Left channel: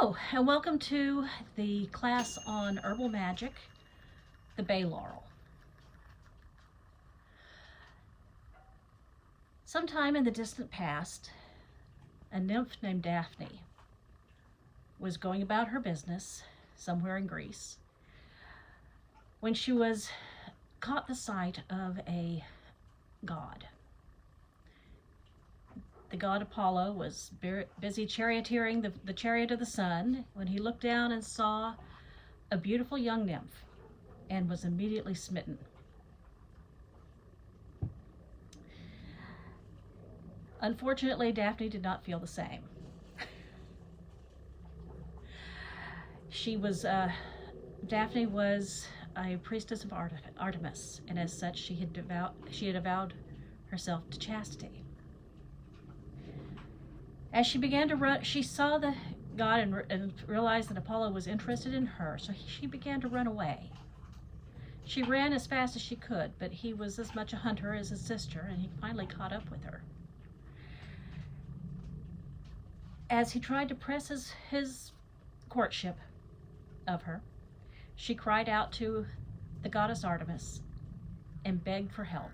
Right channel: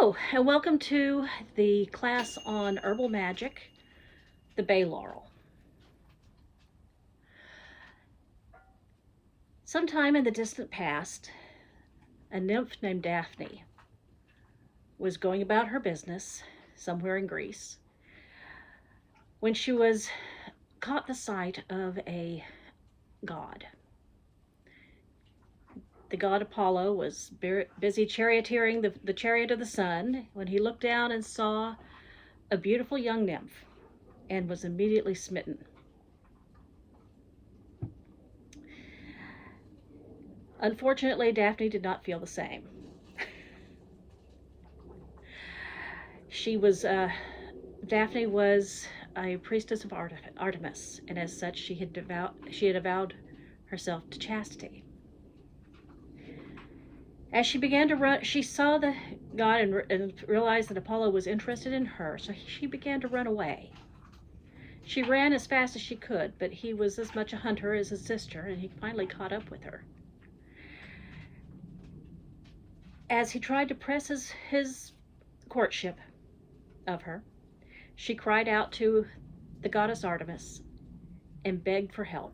Hello, and welcome to the class on herbal magic, the bay laurel. Sometime in the distant past, a nymph named Daphne was going about her business somewhere in Greece when she was caught the sight of a god. The god Apollo was busy charioteering the chariot of the sun when he looked down and saw a beautiful young nymph and was immediately smitten. Unfortunately, Daphne did not feel the same. She was Daphne was a priestess of Artemis, and as such, she had avowed herself to chastity. As she began to run, she saw the god and realized that Apollo was interested in her, so she began to run away. She ran as fast as she could, but he was as much a hunter as his sister, and he finally caught up with her. As he tried to press his courtship of her, she cried out to the goddess Artemis and begged for help.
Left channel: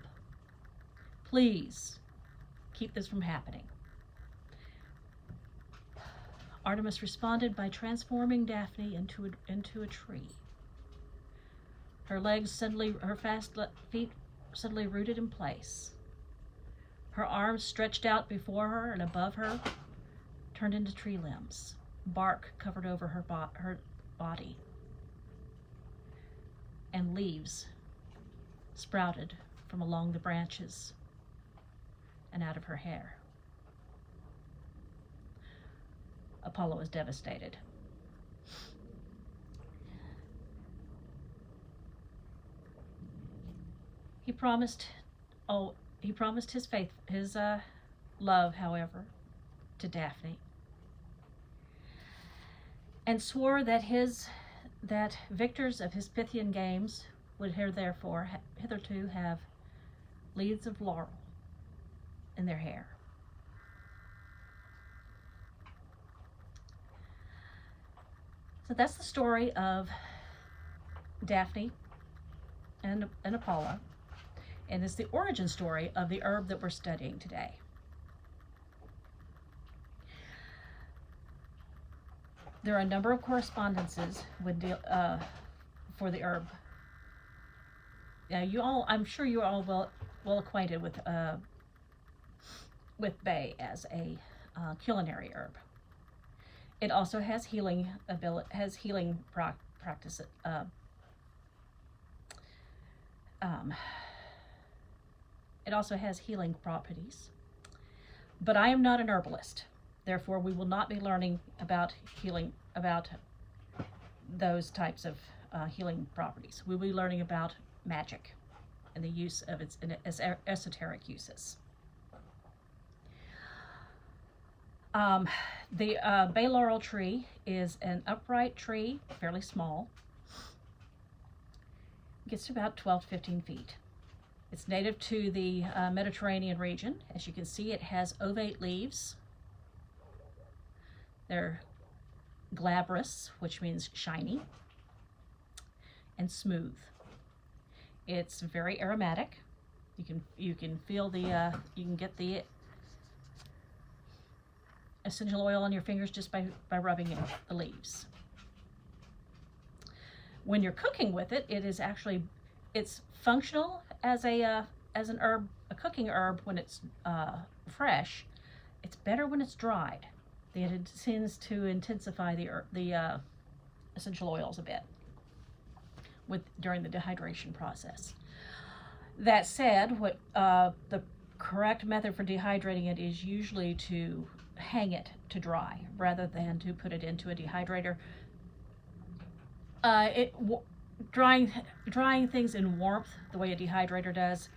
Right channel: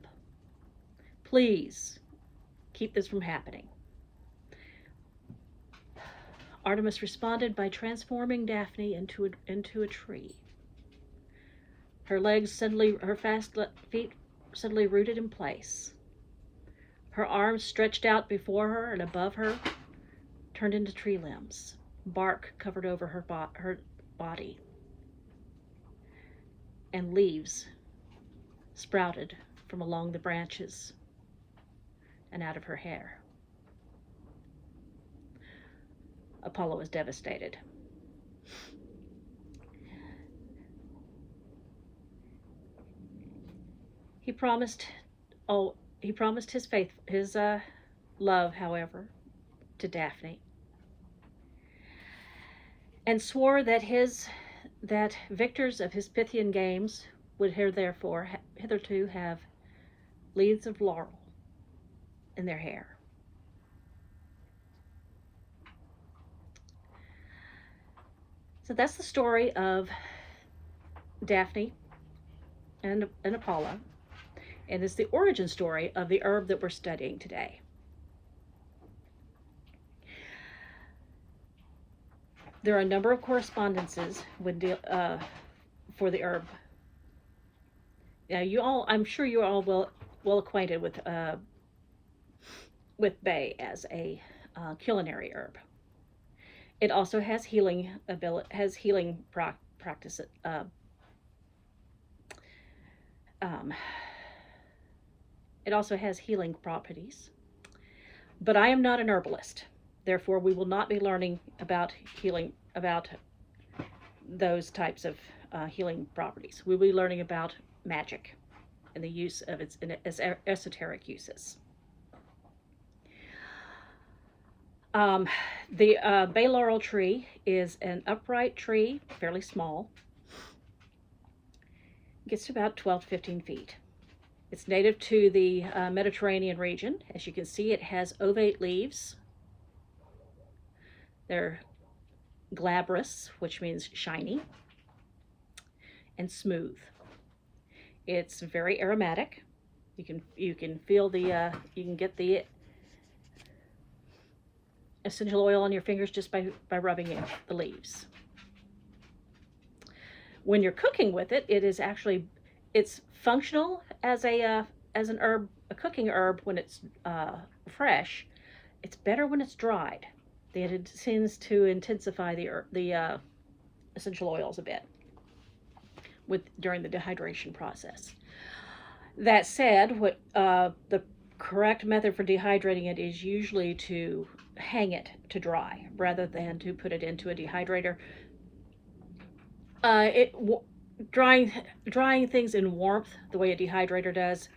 Please keep this from happening. Artemis responded by transforming Daphne into a tree. Her fast feet suddenly rooted in place. Her arms stretched out before her and above her turned into tree limbs. Bark covered over her body, and leaves sprouted from along the branches and out of her hair. Apollo was devastated. He promised his love, however, to Daphne, and swore that victors of his Pythian games would hitherto have leaves of laurel in their hair. So that's the story of Daphne and Apollo, and it's the origin story of the herb that we're studying today. There are a number of correspondences for the herb. Now, I'm sure you're all well acquainted with bay as a culinary herb. It also has healing practice. It also has healing properties. But I am not an herbalist. Therefore, we will not be learning about those types of healing properties. We'll be learning about magic and the use of its esoteric uses. The bay laurel tree is an upright tree, fairly small. It gets to about 12 to 15 feet. It's native to the Mediterranean region. As you can see, it has ovate leaves. They're glabrous, which means shiny, and smooth. It's very aromatic. You can feel you can get the essential oil on your fingers just by rubbing in the leaves. When you're cooking with it, it's functional as an herb, a cooking herb when it's fresh. It's better when it's dried. It tends to intensify the essential oils a bit during the dehydration process. That said, the correct method for dehydrating it is usually to hang it to dry rather than to put it into a dehydrator. Drying things in warmth, the way a dehydrator does,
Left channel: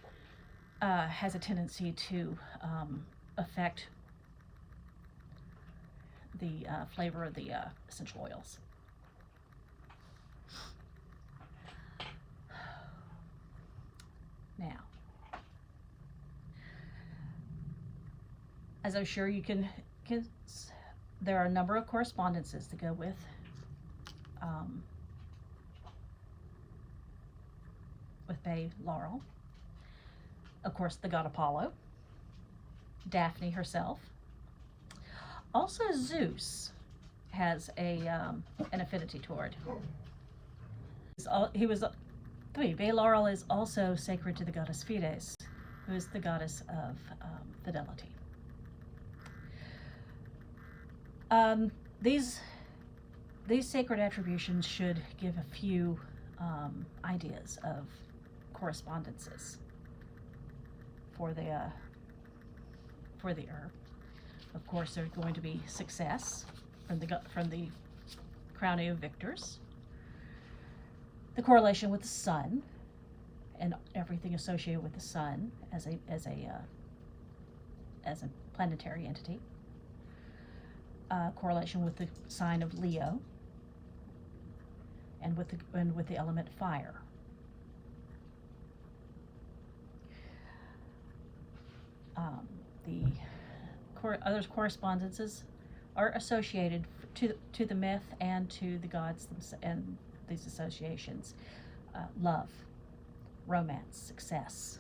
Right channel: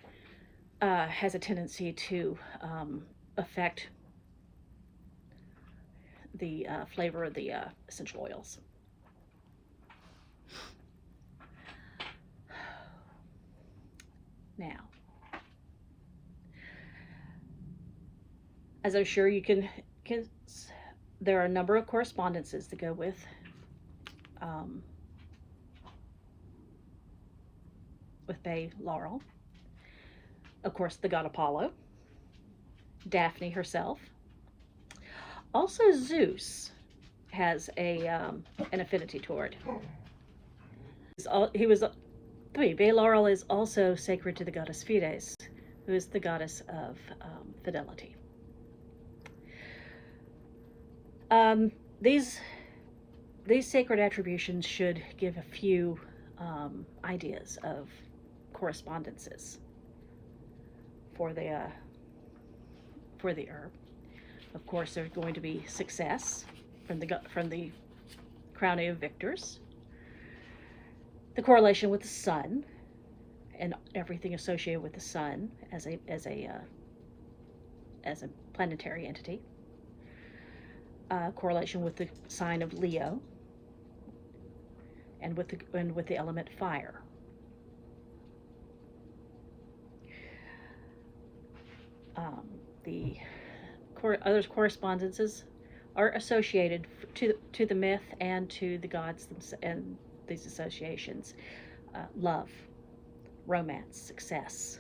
has a tendency to affect the flavor of the essential oils. Now, as I'm sure you can There are a number of correspondences that go um, with Bay Laurel. Of course, the god Apollo, Daphne herself. Also, Zeus has an affinity toward. He was Bay Laurel is also sacred to the goddess Fides, who is the goddess of fidelity. These sacred attributions should give a few ideas of correspondences for the herb. Of course, there's going to be success from the crowning of victors, the correlation with the sun, and everything associated with the sun as a planetary entity. Correlation with the sign of Leo, and with the element fire. The other correspondences are associated to the myth and to the gods and these associations. Love, romance, success,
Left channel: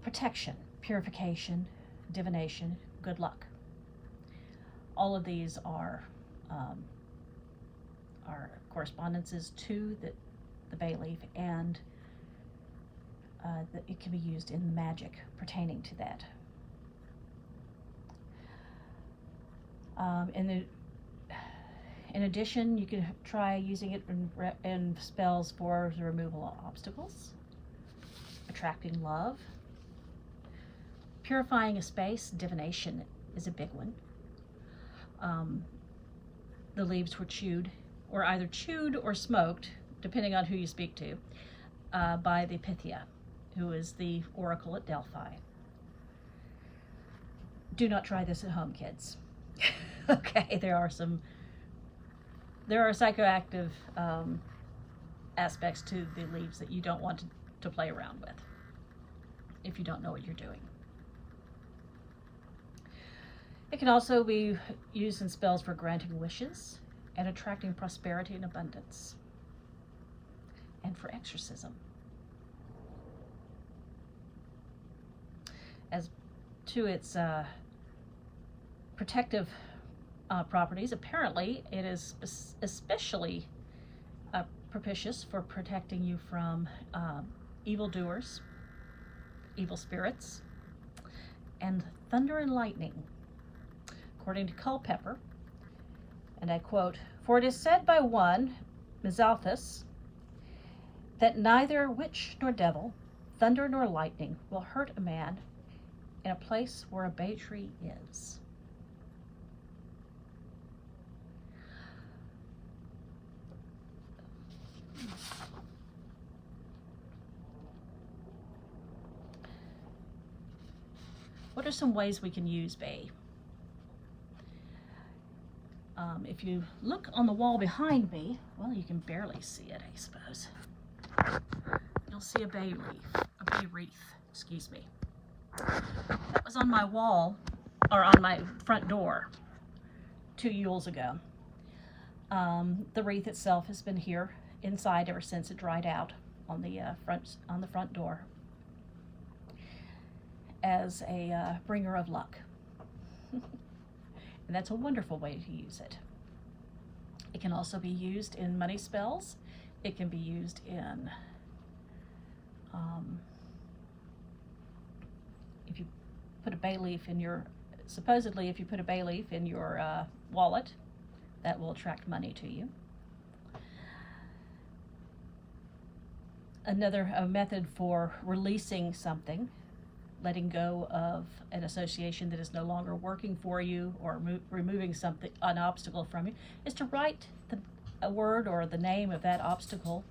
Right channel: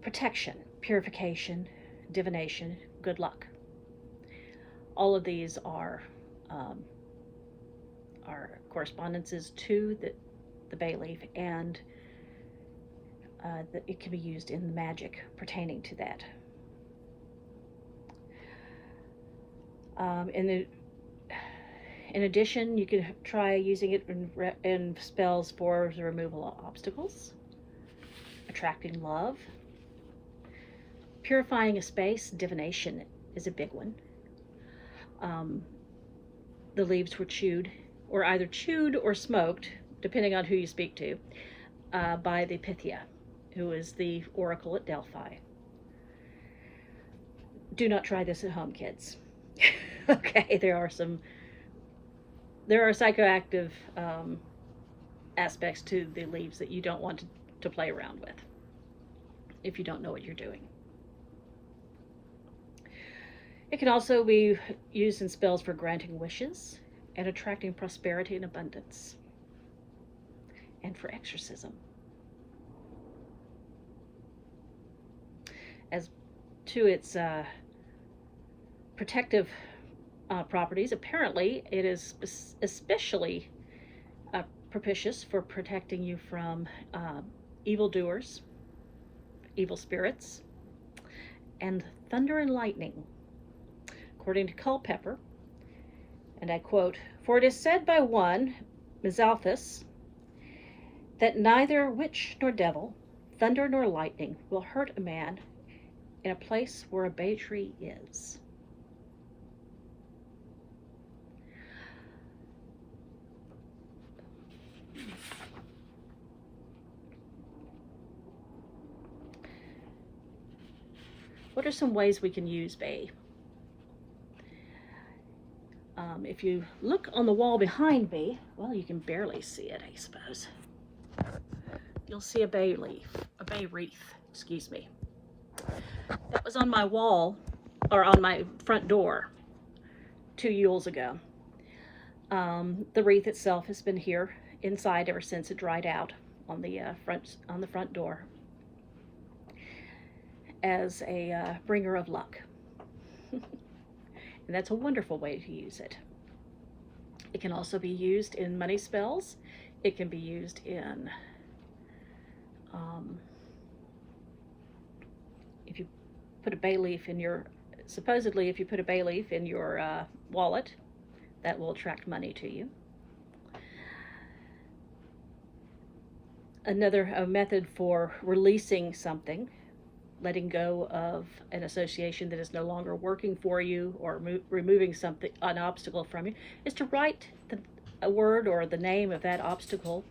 protection, purification, divination, good luck. All of these are correspondences to the bay leaf, and that it can be used in the magic pertaining to that. In addition, you can try using it in spells for the removal of obstacles, attracting love, purifying a space. Divination is a big one. The leaves were chewed, or either chewed or smoked, depending on who you speak to, by the Pythia, who is the oracle at Delphi. Do not try this at home, kids. Okay, there are psychoactive aspects to the leaves that you don't want to play around with if you don't know what you're doing. It can also be used in spells for granting wishes and attracting prosperity and abundance, and for exorcism. As to its protective properties, apparently it is especially propitious for protecting you from evildoers, evil spirits, and thunder and lightning. According to Culpeper, and I quote, "For it is said by one, Mizalthus, that neither witch nor devil, thunder nor lightning will hurt a man in a place where a bay tree is." What are some ways we can use bay? If you look on the wall behind me, well, you can barely see it, I suppose. You'll see a bay wreath, excuse me. That was on my wall, or on my front door 2 Yules ago. The wreath itself has been here inside ever since it dried out on the front door, as a bringer of luck. And that's a wonderful way to use it. It can also be used in money spells. It can be used in, if you put a bay leaf in your, supposedly if you put a bay leaf in your wallet, that will attract money to you. Another method for releasing something, letting go of an association that is no longer working for you, or removing an obstacle from you, is to write a word or the name of that obstacle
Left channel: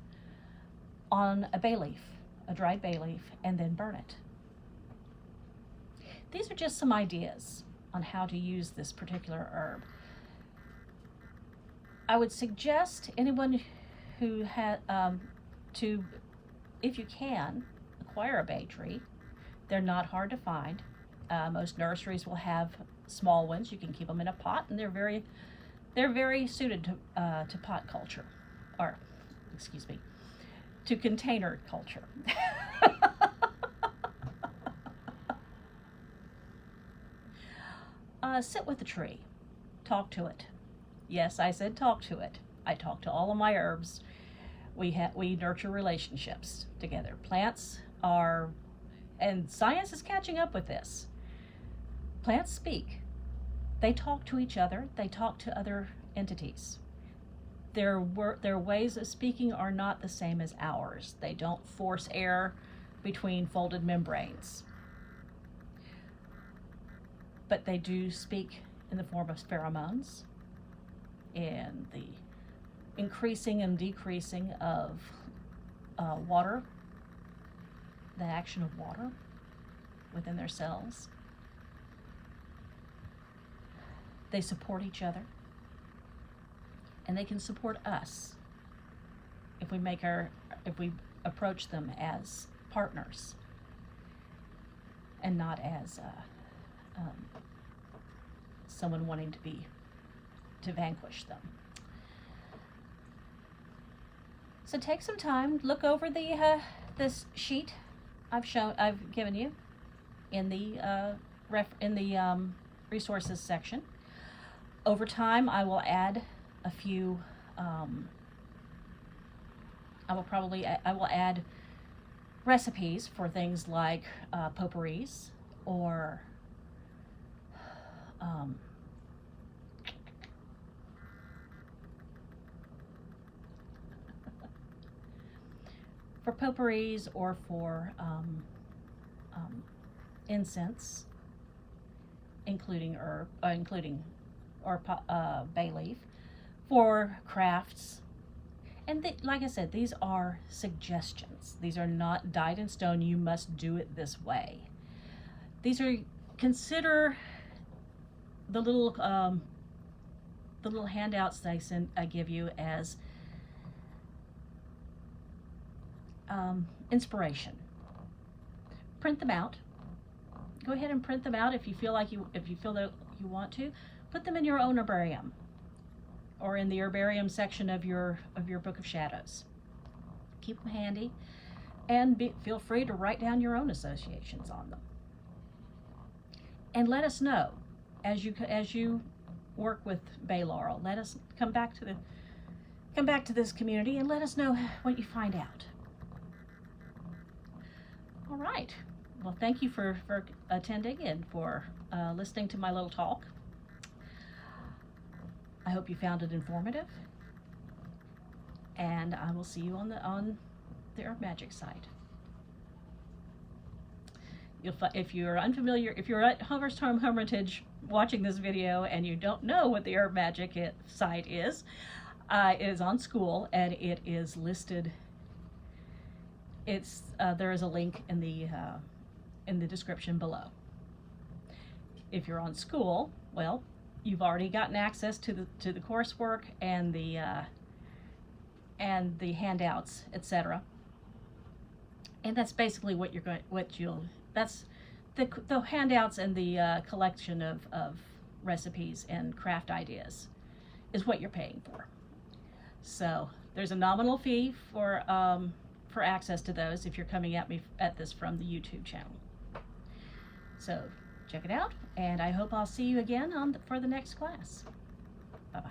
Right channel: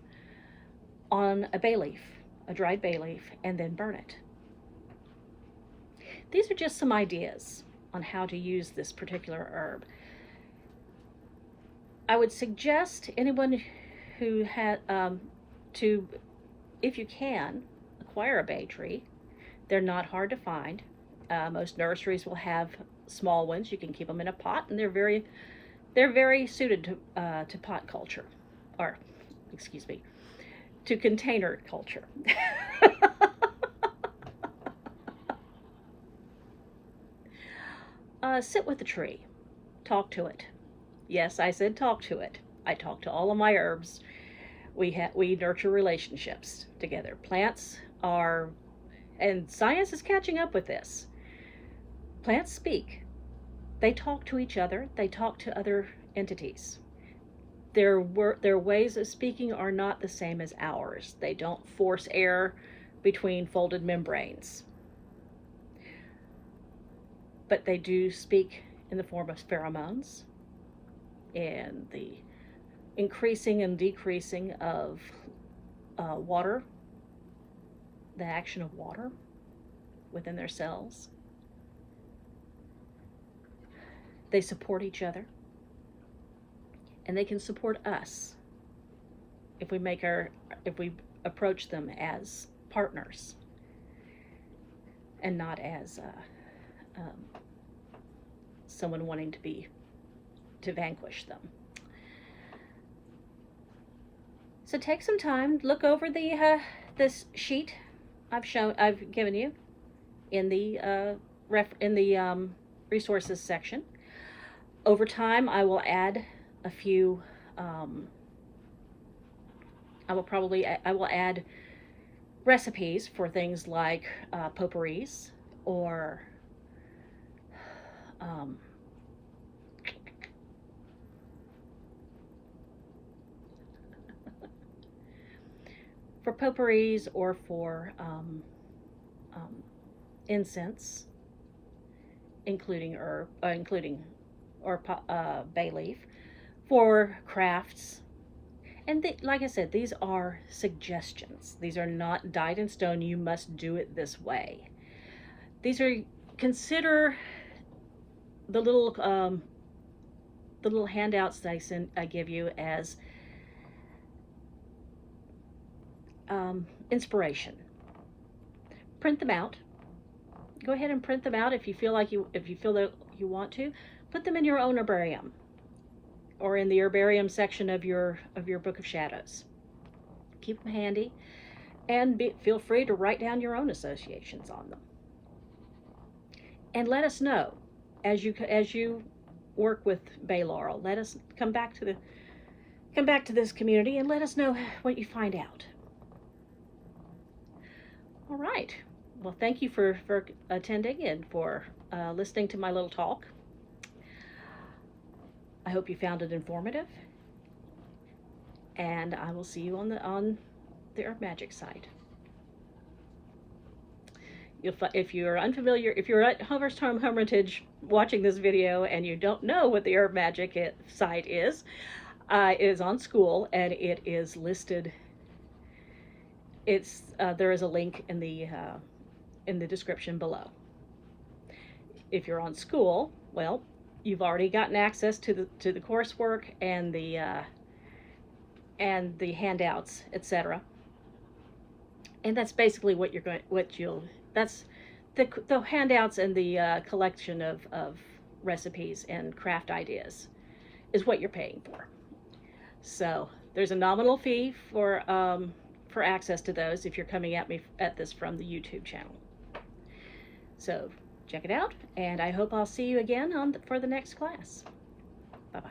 on a bay leaf, a dried bay leaf, and then burn it. These are just some ideas on how to use this particular herb. I would suggest anyone who had to, if you can, acquire a bay tree. They're not hard to find. Most nurseries will have small ones. You can keep them in a pot, and they're very suited to pot culture, or excuse me, to container culture. Sit with the tree, talk to it. Yes, I said talk to it. I talk to all of my herbs. We nurture relationships together. Plants are, and science is catching up with this. Plants speak. They talk to each other. They talk to other entities. Their ways of speaking are not the same as ours. They don't force air between folded membranes, but they do speak in the form of pheromones and the increasing and decreasing of water, the action of water within their cells. They support each other, and they can support us if we approach them as partners and not as someone wanting to vanquish them. So take some time, look over this sheet I've given you in the resources section. Over time, I will add a few. I will add recipes for things like potpourris or for potpourris or for incense, including bay leaf, for crafts. And like I said, these are suggestions. These are not dyed in stone. You must do it this way. Consider the little handouts that I give you as inspiration. Print them out. Go ahead and print them out if you feel that you want to. Put them in your own herbarium, or in the herbarium section of your Book of Shadows. Keep them handy, and feel free to write down your own associations on them. And let us know as you work with Bay Laurel. Let us come back to this community and let us know what you find out. All right. Well, thank you for attending and for listening to my little talk. I hope you found it informative, and I will see you on the Herb Magic site. If you're unfamiliar, if you're at First Home Hermitage watching this video and you don't know what the Herb Magic site is, it is on School, and it is listed. There is a link in the description below. If you're on School, well, you've already gotten access to the coursework and the handouts, etc. And that's basically that's the handouts and the collection of recipes and craft ideas is what you're paying for. So there's a nominal fee for access to those if you're coming at this from the YouTube channel. So check it out, and I hope I'll see you again for the next class. Bye-bye.